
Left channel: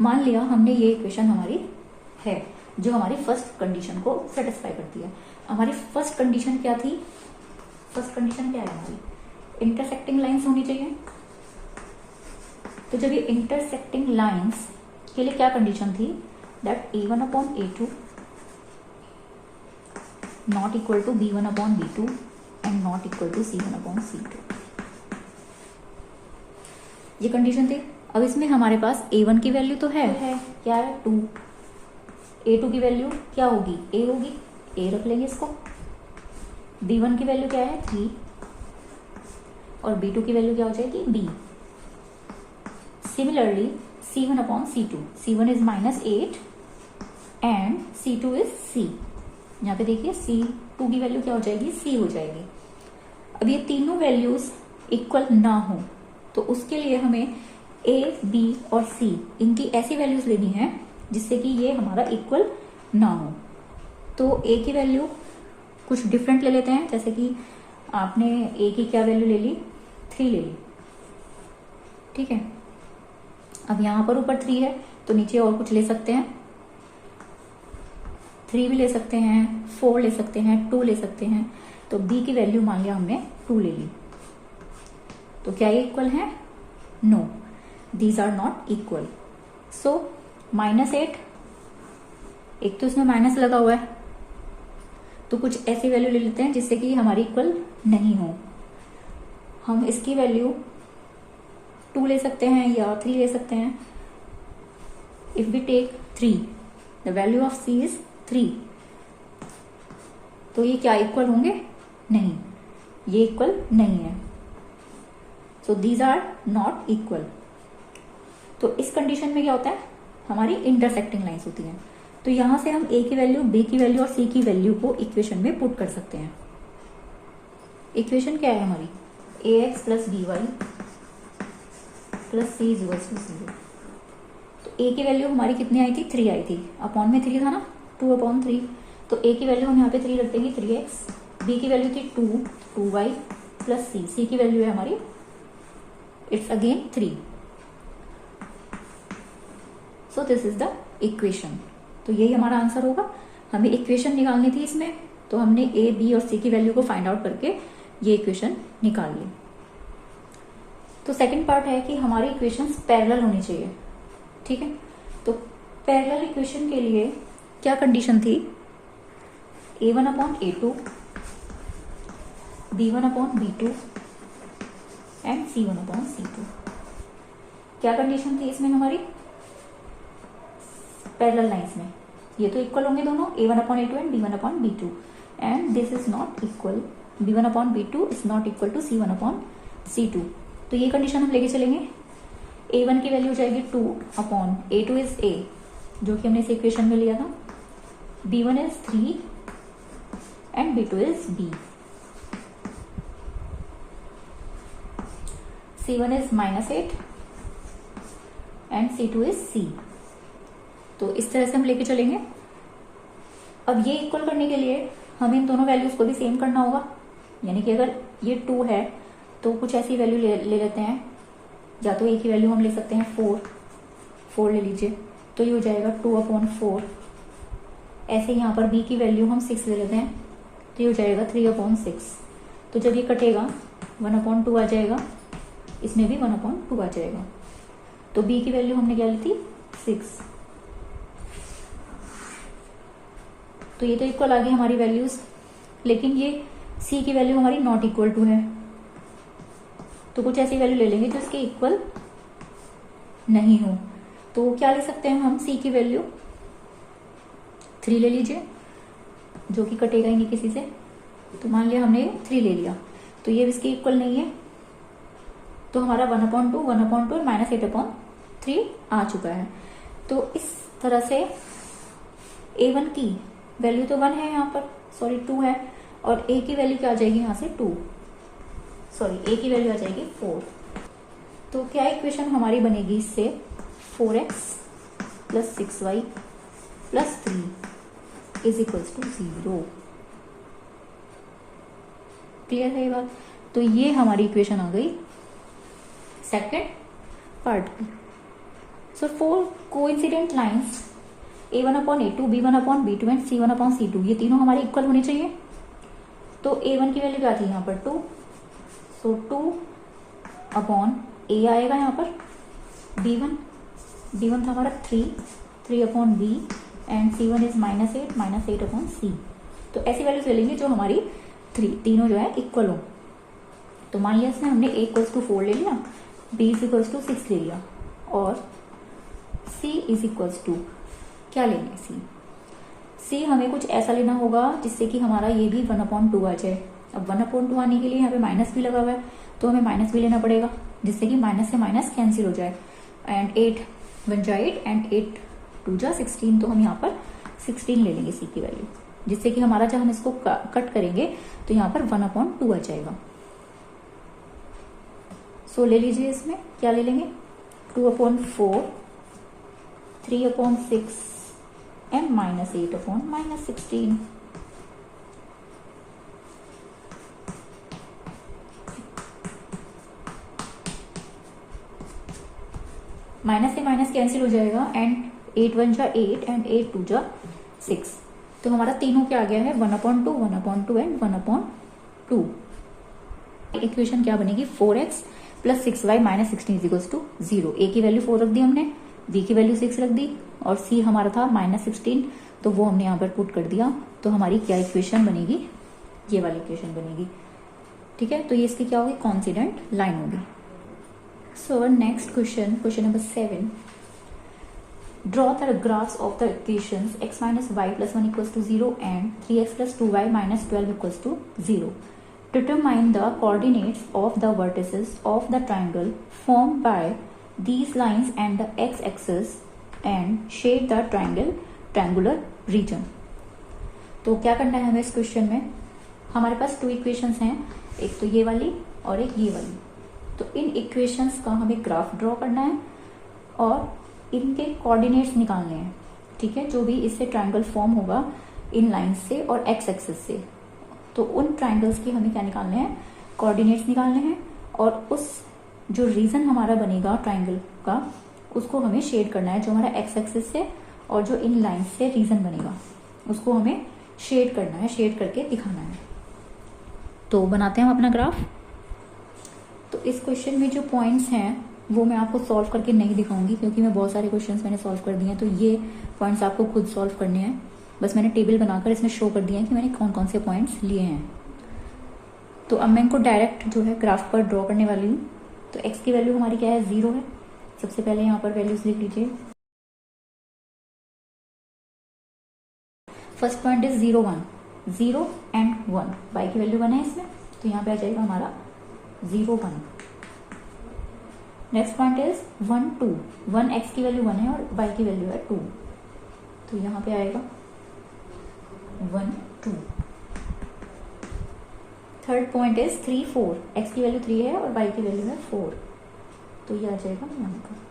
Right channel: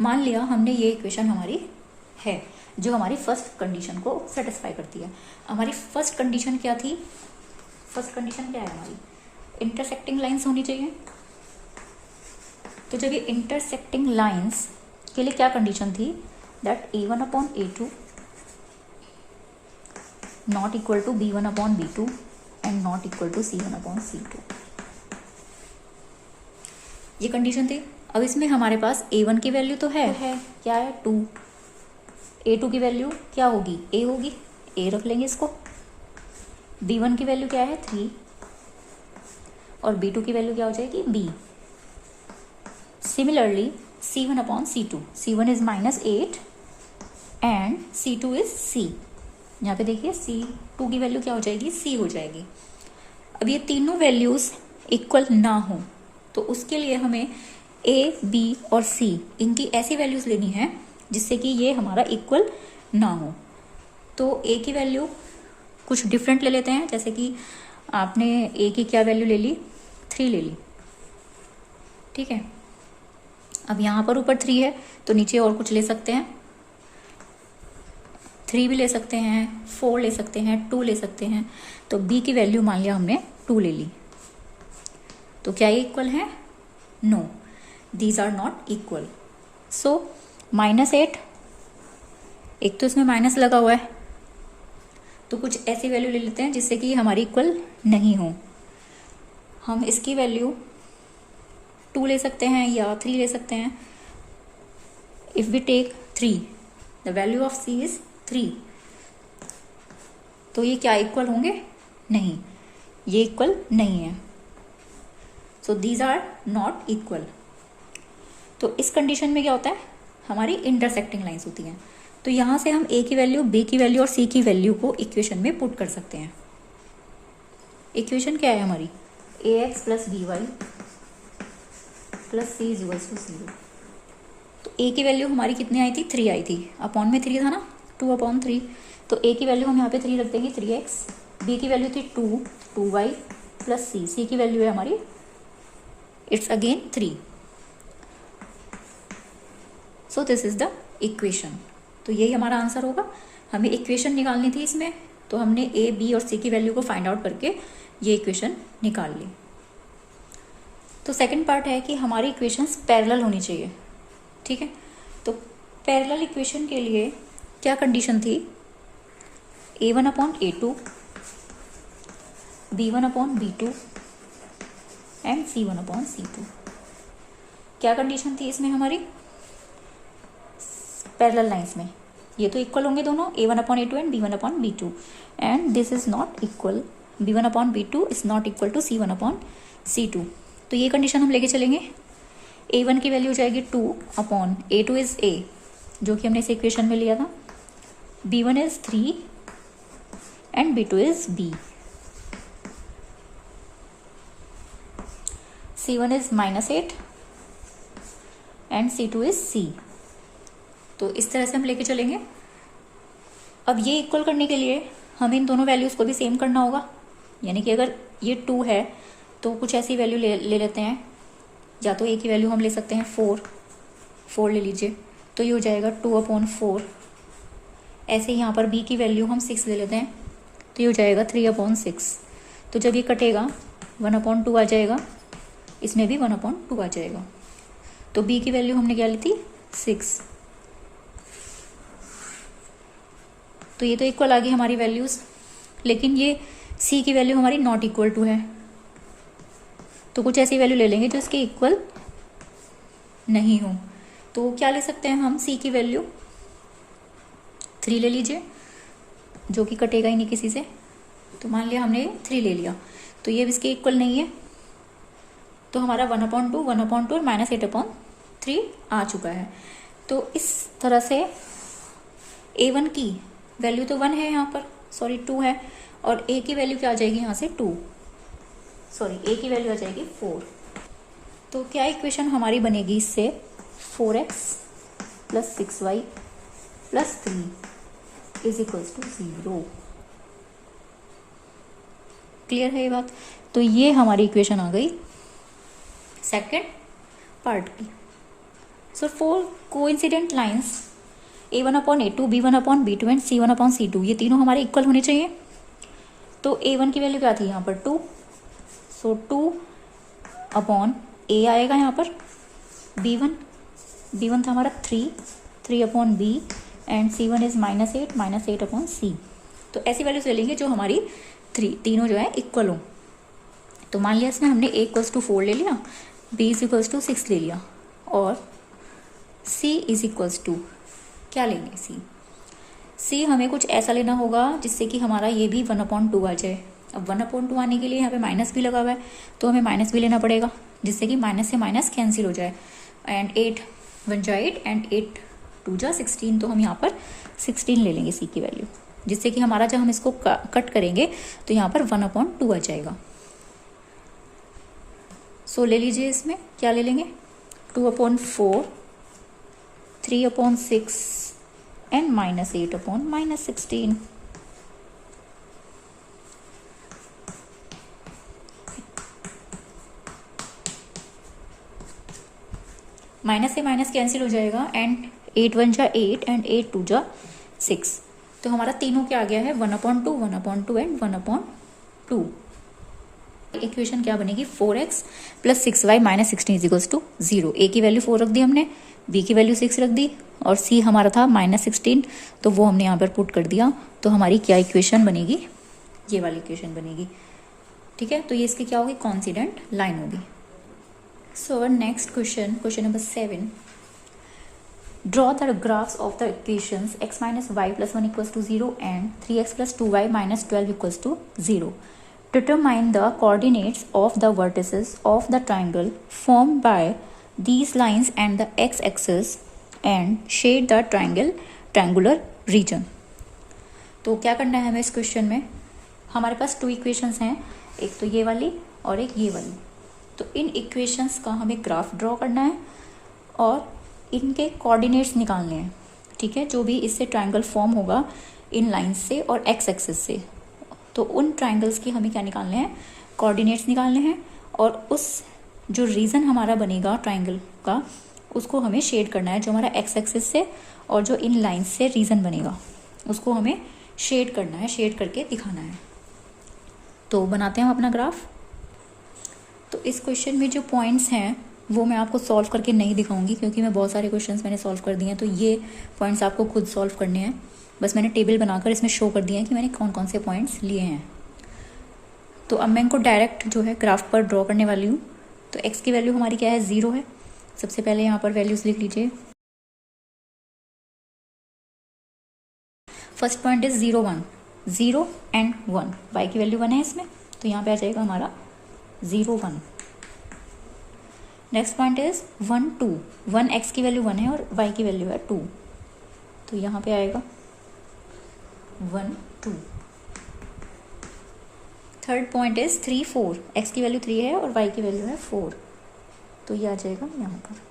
मान लिया हमने ये इक्वेशन हमारी है जो हमारी फर्स्ट कंडीशन को सेटिस्फाई करती है। हमारी फर्स्ट कंडीशन क्या थी, फर्स्ट कंडीशन क्या है हमारी, इंटरसेक्टिंग लाइंस होनी चाहिए। तो जब ये इंटरसेक्टिंग लाइंस के लिए क्या कंडीशन थी, that a1/a2 not equal to b1/b2 and not equal to c1/c2, ये कंडीशन थी। अब इसमें हमारे पास a1 की वैल्यू तो है क्या है 2, a2 की वैल्यू क्या होगी a होगी, a रख लेंगे इसको। b1 की वैल्यू क्या है 3 और b2 की वैल्यू क्या हो जाएगी b। Similarly c1/c2, c1 is -8 and c2 is c। यहाँ पे देखिए c2 की वैल्यू क्या हो जाएगी c हो जाएगी। अब ये तीनों वैल्यूज इक्वल ना हो तो उसके लिए हमें a, b और c इनकी ऐसी वैल्यूज लेनी है जिससे कि ये हमारा इक्वल ना हो। तो a की वैल्यू कुछ डिफरेंट ले लेते हैं, जैसे कि आपने a की क्या वैल्यू ले ली 3 ले ली, ठीक है। अब यहाँ पर ऊपर 3 है तो नीचे और कुछ ले सकते हैं, 3 भी ले सकते हैं, 4 ले सकते हैं, 2 ले सकते हैं। तो b की वैल्यू मान लिया हमने 2 ले ली, तो क्या ये इक्वल है, no, these are not equal. So -8, एक तो इसमें माइनस लगा हुआ है तो कुछ ऐसी वैल्यू ले लेते हैं जिससे कि हमारी इक्वल नहीं हो। हम इसकी वैल्यू 2 ले सकते हैं या 3 ले सकते हैं। If we take 3, the value of c is 3, तो ये क्या इक्वल होंगे, नहीं, ये इक्वल नहीं है। So these are not equal. तो इस कंडीशन में क्या होता है, हमारी इंटरसेक्टिंग लाइंस होती हैं। तो यहां से हम a की वैल्यू, b की वैल्यू और c की वैल्यू को इक्वेशन में पुट कर सकते हैं। इक्वेशन क्या है हमारी, ax plus by plus c is equals to 0। तो a की वैल्यू हमारी कितनी आई थी, 3 आई थी, अपॉन में 3 था ना, 2/3। तो a की वैल्यू हम यहाँ पे 3 रख देंगे, 3x। b की वैल्यू थी 2y प्लस c की वैल्यू है हमारी, it's again 3। So this is the equation. तो यही हमारा आंसर होगा। हमें इक्वेशन निकालनी थी इसमें, तो हमने a, b और c की वैल्यू को फाइंड आउट करके ये इक्वेशन निकाल ली। तो सेकंड पार्ट है कि हमारी इक्वेशंस पैरेलल होनी चाहिए, ठीक है। तो पैरेलल इक्वेशन के लिए क्या कंडीशन थी, a1/a2, b1/b2 एंड C1/C2। क्या कंडीशन थी इसमें हमारी? पैरेलल लाइंस में ये तो इक्वल होंगे दोनों, A1/A2 and B1/B2, and this is not equal, B1/B2 is not equal to C1/C2। तो ये कंडीशन हम लेके चलेंगे। A1 की वैल्यू हो जाएगी 2/A2 इज A, जो कि हमने इस इक्वेशन में लिया था। B1 is 3 and B2 is B। C1 is -8 and C2 is C। तो इस तरह से हम लेके चलेंगे। अब ये इक्वल करने के लिए हमें इन दोनों वैल्यूज को भी सेम करना होगा, यानी कि अगर ये 2 है तो कुछ ऐसी वैल्यू ले लेते हैं, या तो A की वैल्यू हम ले सकते हैं 4 ले लीजिए, तो ये हो जाएगा 2/4। ऐसे यहाँ पर B की वैल्यू हम 6 ले लेते हैं, तो ये हो जाएगा 3/6। तो जब ये कटेगा 1/2 आ जाएगा, इसमें भी 1/2 आ जाएगा। तो B की वैल्यू हमने क्या ली थी? 6। तो ये तो इक्वल आ गई हमारी वैल्यूज, लेकिन ये C की वैल्यू हमारी नॉट इक्वल टू है, तो कुछ ऐसी वैल्यू ले लेंगे जो इसके इक्वल नहीं हो। तो क्या ले सकते हैं हम? C की वैल्यू 3 ले लीजिए, जो कि कटेगा ही नहीं किसी से। तो मान लिया हमने 3 ले लिया, तो ये इसके इक्वल नहीं है, तो हमारा 1/2 और -8/3 आ चुका है। तो इस तरह से A1 की वैल्यू तो 1 है यहाँ पर, सॉरी 2 है, और A की वैल्यू क्या आ जाएगी यहाँ से? 2, सॉरी A की वैल्यू आ जाएगी 4। तो क्या इक्वेशन हमारी बनेगी इससे? 4x + 6y + 3 is equals to 0। Clear है ये बात? तो ये हमारी इक्वेशन आ गई सेकेंड पार्ट की। सो 4 coincident lines A1/A2, B1/B2 and C1/C2, ये तीनों हमारे इक्वल होने चाहिए। तो A1 की वैल्यू क्या थी यहाँ पर? 2, सो 2/A आएगा यहाँ पर। B1 था हमारा 3/B and C1 is -8/C। तो ऐसी वैल्यूज ले लेंगे जो हमारी तीनों जो है इक्वल हो। तो मान लिया इसमें हमने A = 4 ले लिया, B = 6 ले लिया, और C = क्या लेंगे? C हमें कुछ ऐसा लेना होगा जिससे कि हमारा ये भी 1/2 आ जाए। अब 1/2 आने के लिए यहाँ पे माइनस भी लगा हुआ है, तो हमें माइनस भी लेना पड़ेगा, जिससे कि माइनस से माइनस कैंसिल हो जाए, एंड 8 1 जा 8 एंड 8 2 जा 16। तो हम यहाँ पर 16 ले लेंगे C की वैल्यू, जिससे कि हमारा जब हम इसको कट करेंगे तो यहाँ पर 1/2 आ जाएगा। सो ले लीजिए, इसमें क्या ले लेंगे? 2/4, 3/6 एंड -8/16। माइनस से माइनस कैंसिल हो जाएगा, एंड 8 1 जा 8 एंड 8 2 जा 6। तो हमारा तीनों क्या आ गया है? 1/2, 1/2 एंड 1/2। इक्वेशन क्या बनेगी? 4x + 6y - 16 = 0। A की वैल्यू 4 रख दी हमने, B की वैल्यू 6 रख दी, और C हमारा था -16, तो वो हमने यहाँ पर पुट कर दिया। तो हमारी क्या इक्वेशन बनेगी? ये वाली इक्वेशन बनेगी। ठीक है, तो ये इसकी क्या होगी? कॉन्सिडेंट लाइन होगी। So next question number 7। Draw the graphs of the equations x - y + 1 = 0 and 3x + 2y - 12 = 0. Determine the coordinates of the vertices of the triangle formed by these lines and the x-axis and shade the triangular region. तो क्या करना है हमें इस question में? हमारे पास 2 equations हैं, एक तो ये वाली और एक ये वाली। तो इन इक्वेशंस का हमें ग्राफ ड्रॉ करना है और इनके कोऑर्डिनेट्स निकालने हैं। ठीक है, जो भी इससे ट्राइंगल फॉर्म होगा इन लाइंस से और एक्स एक्सिस से, तो उन ट्राइंगल्स की हमें क्या निकालने हैं? कोऑर्डिनेट्स निकालने हैं, और उस जो रीजन हमारा बनेगा ट्राइंगल का, उसको हमें शेड करना है, जो हमारा एक्स एक्सिस से और जो इन लाइंस से रीजन बनेगा उसको हमें शेड करना है, शेड करके दिखाना है। तो बनाते हैं हम अपना ग्राफ। तो इस क्वेश्चन में जो पॉइंट्स हैं वो मैं आपको सॉल्व करके नहीं दिखाऊंगी, क्योंकि मैं बहुत सारे क्वेश्चंस मैंने सॉल्व कर दिए हैं, तो ये पॉइंट्स आपको खुद सॉल्व करने हैं। बस मैंने टेबल बनाकर इसमें शो कर दिया है कि मैंने कौन कौन से पॉइंट्स लिए हैं। तो अब मैं इनको डायरेक्ट जो है ग्राफ पर ड्रॉ करने वाली हूँ। तो x की वैल्यू हमारी क्या है, 0 है। सबसे पहले यहाँ पर वैल्यूज लिख लीजिए। First point is 0 1, 0 and 1, y की वैल्यू 1 है इसमें, तो यहाँ पे आ जाएगा हमारा 0 1। नेक्स्ट पॉइंट इज 1 2, 1 x की वैल्यू 1 है और y की वैल्यू है 2, तो यहाँ पे आएगा 1 2। थर्ड पॉइंट इज 3 4, x की वैल्यू 3 है और y की वैल्यू है 4, तो ये आ जाएगा यहाँ पर।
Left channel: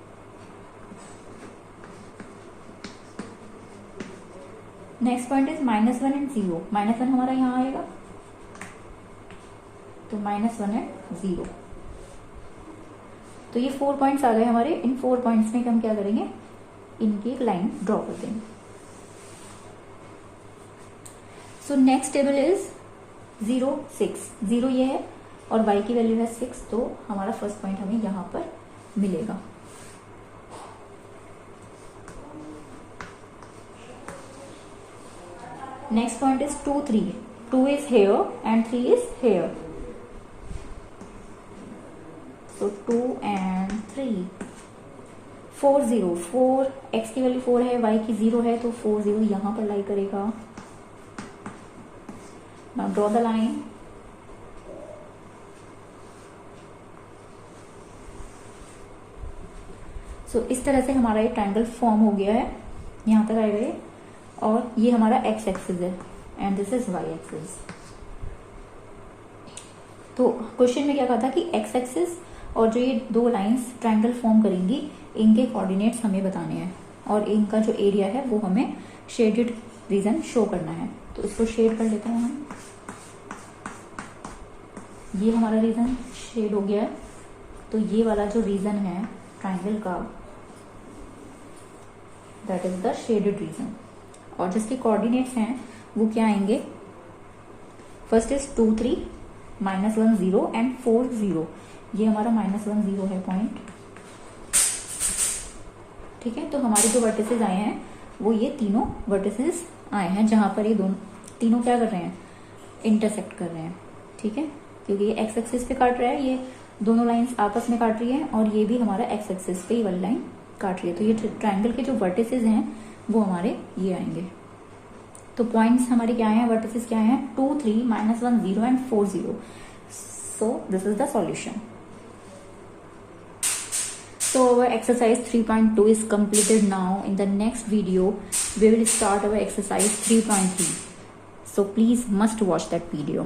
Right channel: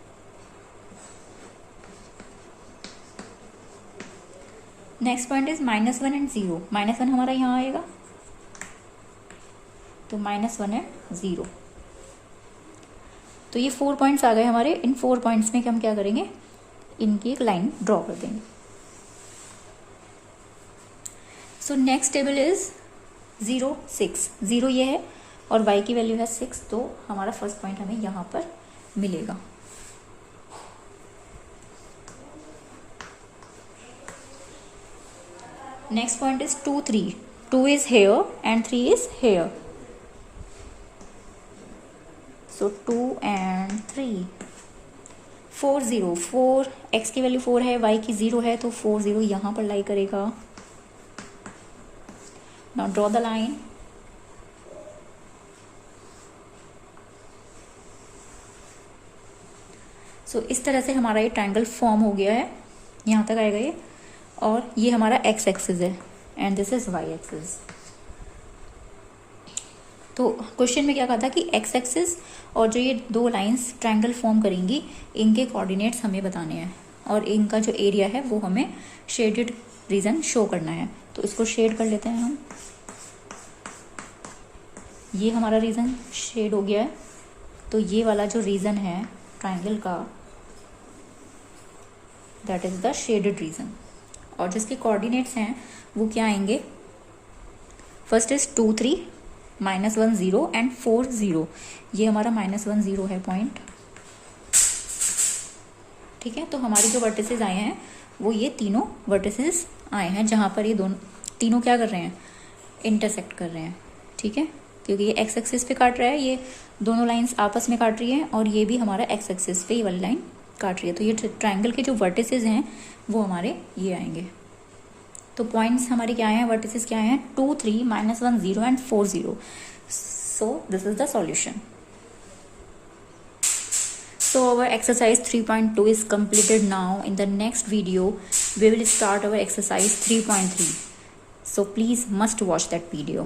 नेक्स्ट पॉइंट इज -1 एंड 0, -1 हमारा यहाँ आएगा, तो -1 एंड 0। तो ये 4 पॉइंट्स आ गए हमारे। इन 4 पॉइंट्स में हम क्या करेंगे, इनकी एक लाइन ड्रॉ कर देंगे। सो नेक्स्ट टेबल इज 0 6, 0 ये है और y की वैल्यू है 6, तो हमारा फर्स्ट पॉइंट हमें यहाँ पर मिलेगा। Next point is 2 3, 2 is here and 3 is here, so 2 and 3। 4 0, 4 x की वैल्यू 4 है, y की 0 है, तो 4 0 यहाँ पर लाई करेगा। Now draw the line. So इस तरह से हमारा ये ट्रायंगल फॉर्म हो गया है, यहाँ तक आएगा ये, और ये हमारा x एक्सिस है and this is y axis. तो क्वेश्चन में क्या कहा था कि x एक्सिस और जो ये दो लाइंस ट्रायंगल फॉर्म करेंगी, इनके कोऑर्डिनेट्स हमें बताने हैं और इनका जो एरिया है वो हमें शेडेड रीजन शो करना है। तो इसको शेड कर लेते हैं हम। ये हमारा रीजन शेड हो गया है, तो ये वाला जो रीजन है ट्रायंगल का, that is the shaded region. और जिसके कोऑर्डिनेट्स हैं वो क्या आएंगे, फर्स्ट इज 2 3, -1 0 एंड 4 0। ये हमारा -1 0 है पॉइंट, ठीक है। तो हमारे जो वर्टिसेस आए हैं वो ये तीनों वर्टिसेस आए हैं, जहां पर ये दोनों तीनों क्या कर रहे हैं, इंटरसेक्ट कर रहे हैं, ठीक है। क्योंकि ये x एक्सिस पे काट रहा है, ये दोनों लाइंस आपस में काट रही है, और ये भी हमारा x एक्सिस पे ये वाली लाइन काट रही है। तो ये ट्रायंगल के जो वर्टिसेस हैं वो हमारे ये आएंगे। तो पॉइंट्स हमारे क्या हैं, वर्टिसेस क्या हैं, 2 3, -1 0 and 4 0। So this is the solution. So our exercise 3.2 is completed now. In the next video, we will start our exercise 3.3. So please must watch that video.